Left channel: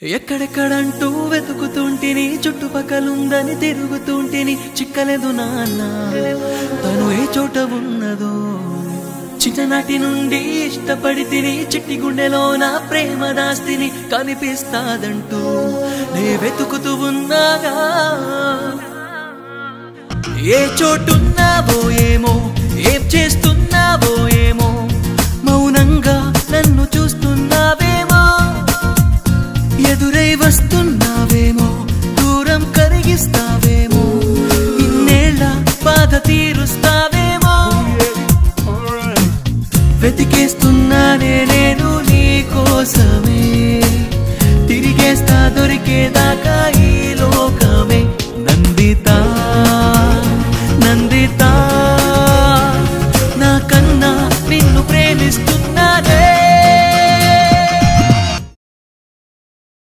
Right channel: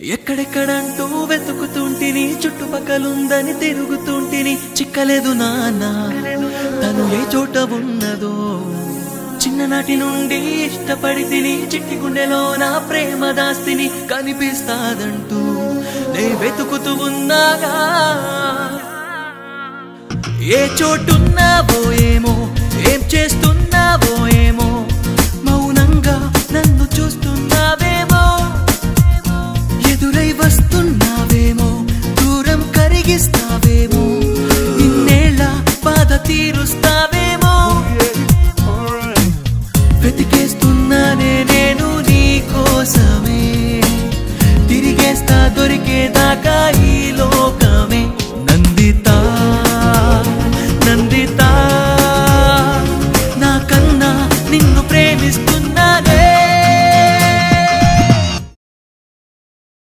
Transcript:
ఎక్కడెక్కడంటూ వెతుకుతుంటిని చుట్టుపక్కలుందని తిరుగుతుంటిని చిక్కలేదు నాన్న తను ఏ చోట ఉన్నదో చిన్ననాటి నుండి ఇష్టపడితిని చిట్టి గుండెలో నా ప్రేమ దాస్తిని కనిపిస్తాదంటూ నే వెతుకుతూ ఉన్నాగా ఏ చోటున్నావో ఏమో ఏం చేస్తున్నావో ఏమో మౌనంగా నన్ను చూస్తున్నావో